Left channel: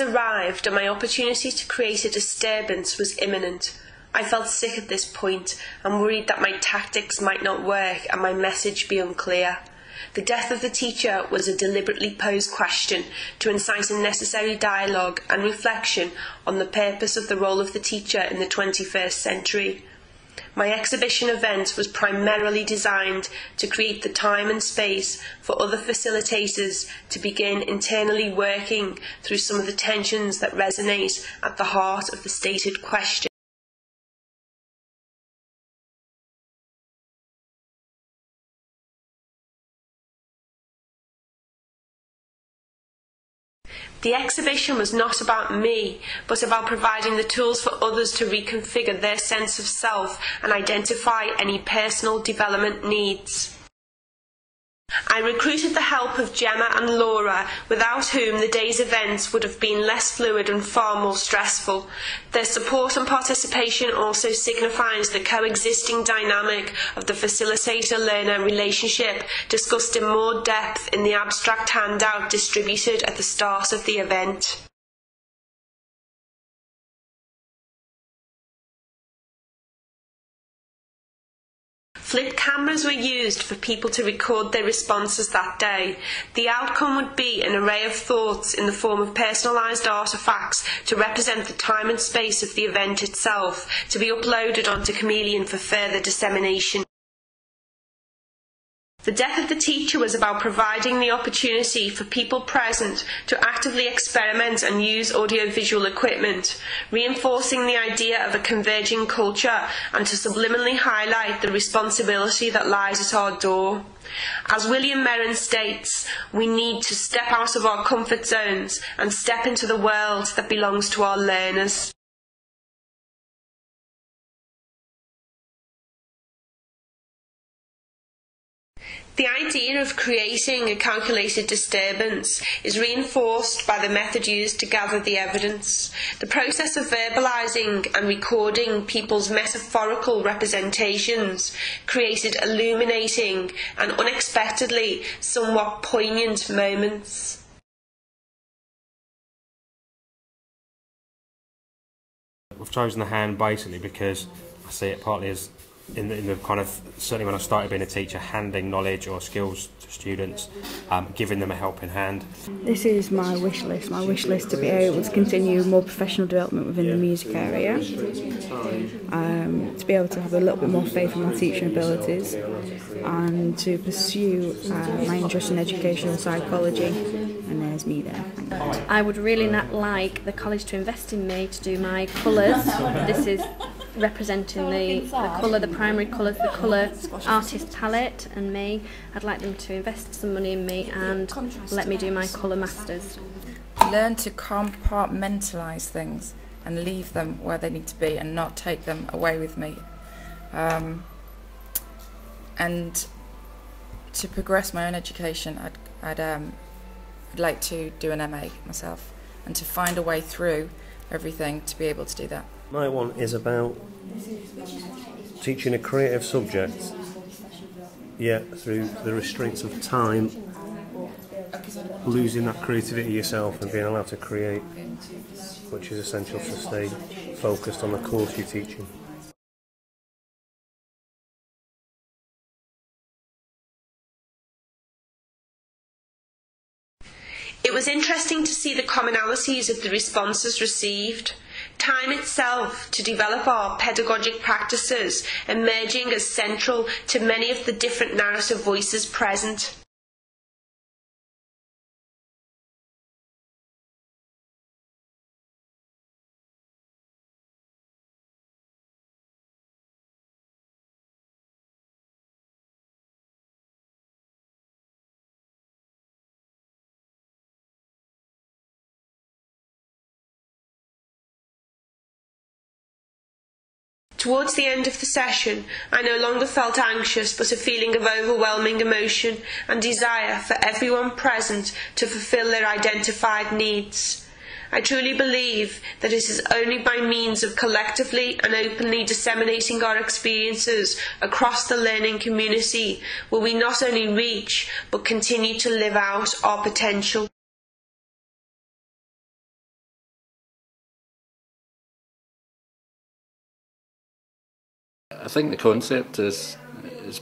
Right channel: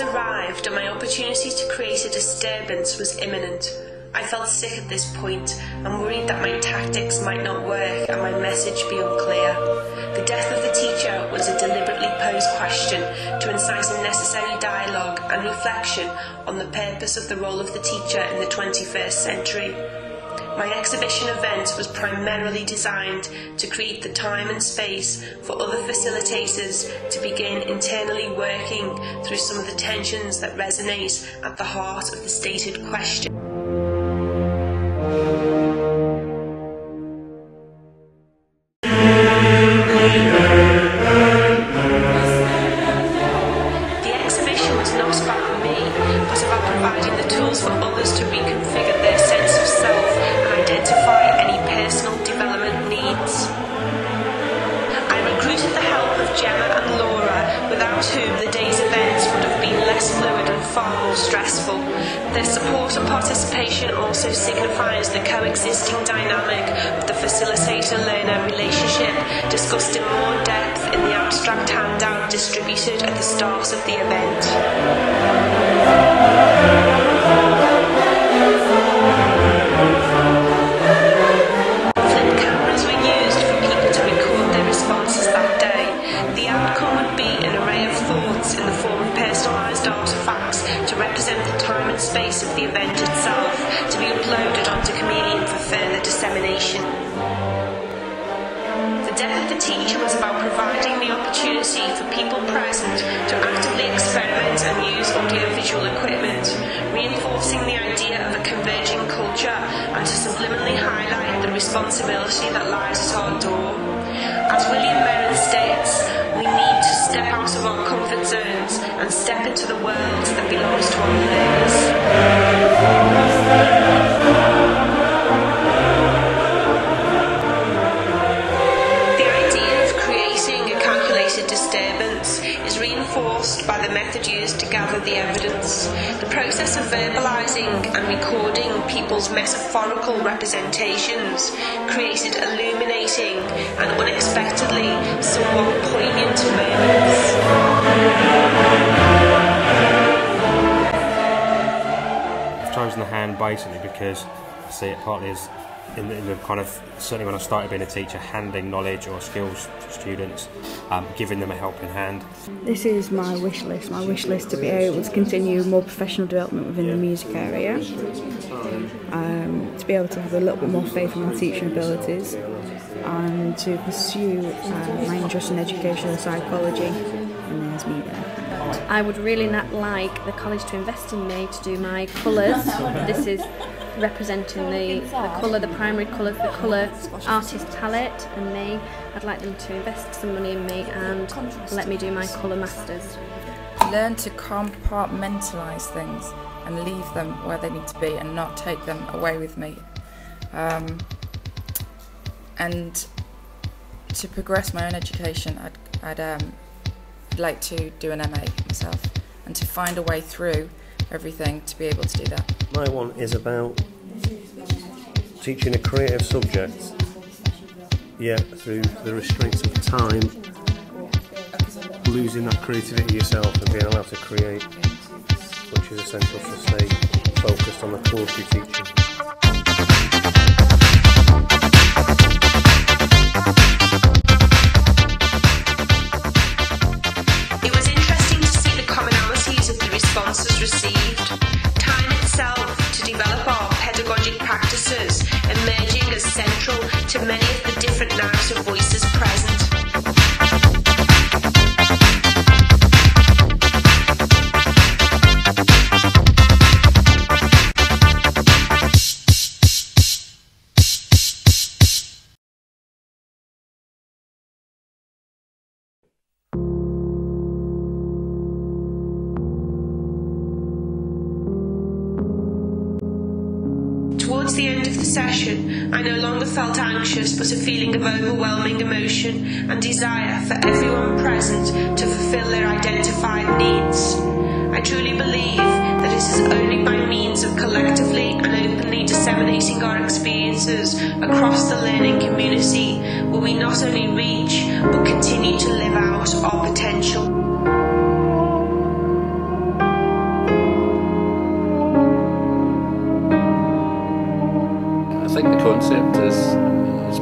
had arrived and my opportunity to create a disturbance was imminent. I felt sick at this point and worried that my tactics might not work and my message be unclear. The death of the teacher was a deliberately posed question to incite a necessary dialogue and reflection on the purpose of the role of the teacher in the 21st century. My exhibition event was primarily designed to create the time and space for other facilitators to begin internally working through some of the tensions that resonate at the heart of the stated question. The exhibition was not about me, but about providing the tools for others to reconfigure their sense of self and identify any personal development needs. I recruited the help of Gemma and Laura, without whom the day's events would have been less fluid and far more stressful. Their support and participation also signifies the coexisting dynamic of the facilitator-learner relationship discussed in more depth in the abstract handout distributed at the start of the event. Responses that day. The outcome would be an array of thoughts in the form of personalised artefacts to represent the time and space of the event itself, to be uploaded onto Chameleon for further dissemination. The death of the teacher was about providing the opportunity for people present to actively experiment and use audiovisual equipment, reinforcing the idea of a converging culture and to subliminally highlight the responsibility that lies at our door. As William Merrin states, we need to step out of our comfort zones and step into the world that belongs to our learners. Creating a calculated disturbance is reinforced by the method used to gather the evidence. The process of verbalising and recording people's metaphorical representations created illuminating and unexpectedly somewhat poignant moments. I've chosen the hand basically because I see it partly as in the kind of, certainly when I started being a teacher, handing knowledge or skills to students, giving them a helping hand. This is my wish list to be able to continue more professional development within the music area, to be able to have a little bit more faith in my teaching abilities, and to pursue my interest in educational psychology. And there's me there. I would really like the college to invest in me to do my colours. This is representing the colour, the primary colours, the colour artist palette, and me. I'd like them to invest some money in me and let me do my colour masters. Learn to compartmentalise things and leave them where they need to be and not take them away with me. And to progress my own education, I'd like to do an MA myself and to find a way through everything to be able to do that. My one is about teaching a creative subject, yet through the restraints of time, losing that creativity yourself and being allowed to create, which is essential to stay focused on the course you're teaching. It was interesting to see the commonalities of the responses received. Time itself to develop our pedagogic practices emerging as central to many of the different narrative voices present. Towards the end of the session, I no longer felt anxious, but a feeling of overwhelming emotion and desire for everyone present to fulfil their identified needs. I truly believe that it is only by means of collectively and openly disseminating our experiences across the learning community will we not only reach, but continue to live out our potential. think the concept is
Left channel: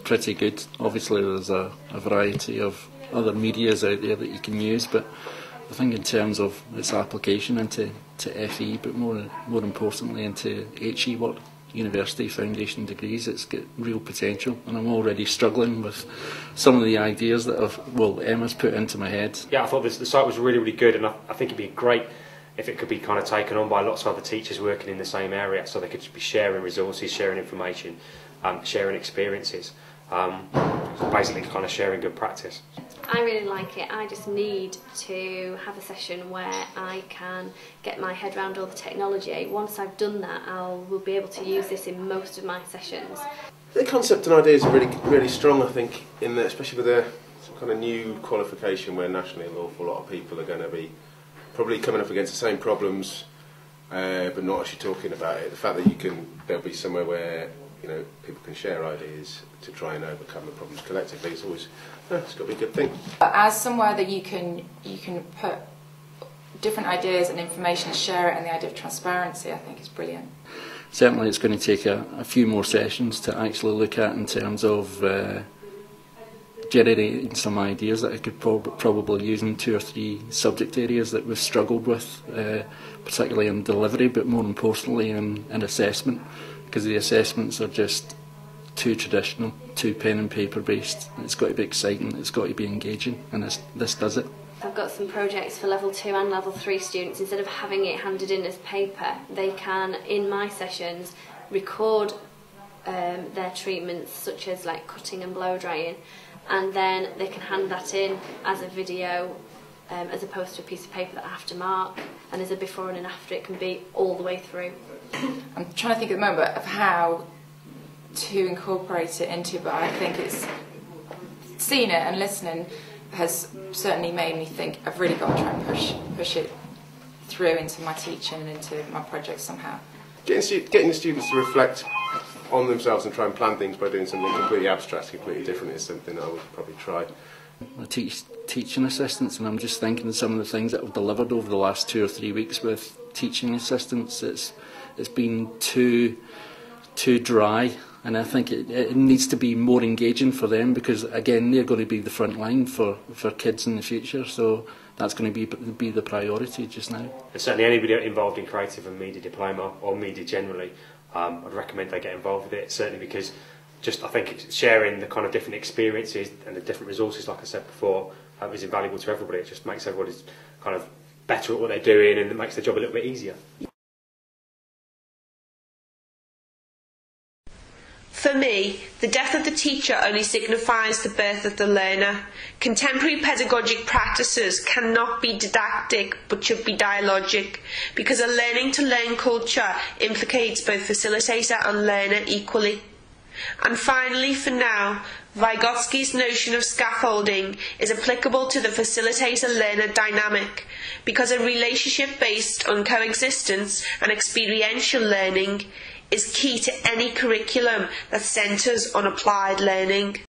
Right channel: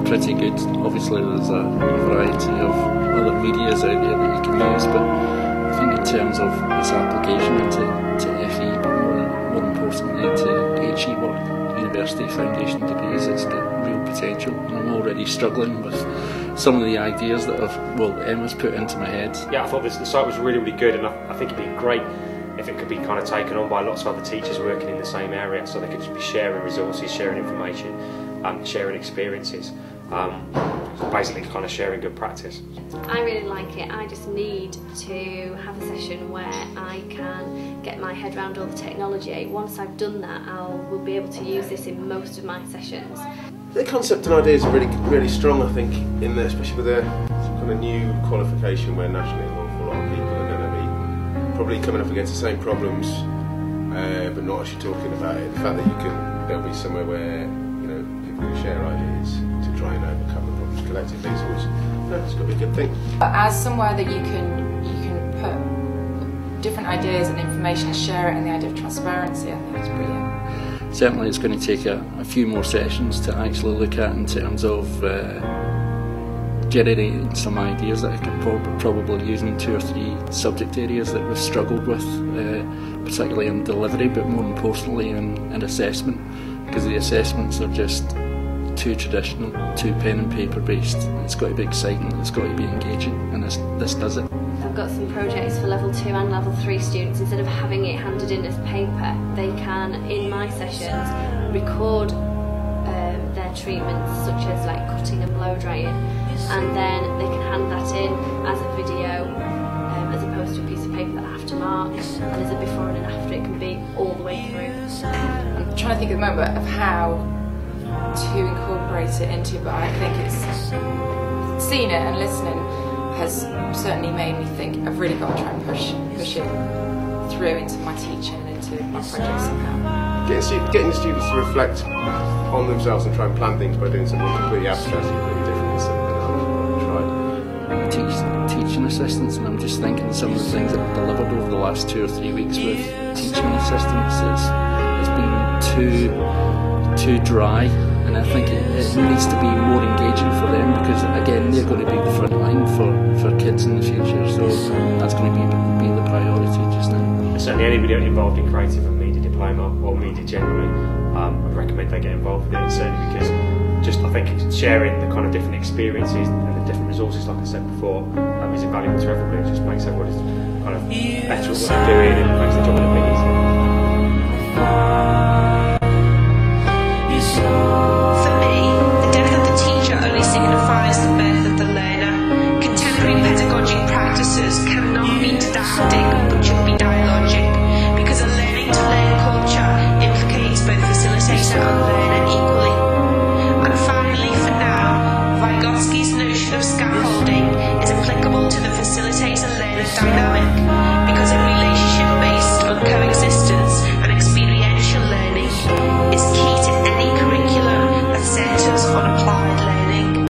pretty good. Obviously there's a variety of other medias out there that you can use, but I think in terms of its application into FE, but more importantly into HE work, university foundation degrees, it's got real potential, and I'm already struggling with some of the ideas that Emma's put into my head. Yeah, I thought the site was really, really good, and I think it'd be great if it could be kind of taken on by lots of other teachers working in the same area, so they could just be sharing resources, sharing information, sharing experiences, basically kind of sharing good practice. I really like it. I just need to have a session where I can get my head around all the technology. Once I've done that, will be able to use this in most of my sessions. The concept and ideas are really strong, I think, in there, especially with some kind of new qualification where nationally an awful lot of people are going to be probably coming up against the same problems, but not actually talking about it. The fact that there'll be somewhere where people can share ideas to try and overcome the problems collectively is always, it's got to be a good thing. As somewhere that you can put different ideas and information and share it, and the idea of transparency, I think is brilliant. Certainly it's going to take a few more sessions to actually look at in terms of generating some ideas that I could probably use in 2 or 3 subject areas that we've struggled with, particularly in delivery, but more importantly in assessment, because the assessments are just too traditional, too pen and paper based. It's got to be exciting, it's got to be engaging, and this does it. I've got some projects for level 2 and level 3 students. Instead of having it handed in as paper, they can, in my sessions, record their treatments, such as like cutting and blow drying, and then they can hand that in as a video, as opposed to a piece of paper that I have to mark, and as a before and an after. It can be all the way through. I'm trying to think at the moment of how to incorporate it into, but I think it's seeing it and listening has certainly made me think I've really got to try and push it through into my teaching and into my projects somehow. Getting the students to reflect on themselves and try and plan things by doing something completely abstract, completely different is something I would probably try. I teach teaching assistants, and I'm just thinking some of the things that I've delivered over the last 2 or 3 weeks with teaching assistants. It's been too dry, and I think it needs to be more engaging for them, because again they're going to be the front line for kids in the future, so that's going to be the priority just now. And certainly anybody involved in creative and media diploma or media generally, I'd recommend they get involved with it, certainly because I think sharing the kind of different experiences and the different resources, like I said before, is invaluable to everybody. It just makes everybody kind of better at what they're doing, and it makes the job a little bit easier. For me, the death of the teacher only signifies the birth of the learner. Contemporary pedagogic practices cannot be didactic but should be dialogic, because a learning to learn culture implicates both facilitator and learner equally. And finally, for now, Vygotsky's notion of scaffolding is applicable to the facilitator-learner dynamic, because a relationship based on coexistence and experiential learning is key to any curriculum that centres on applied learning.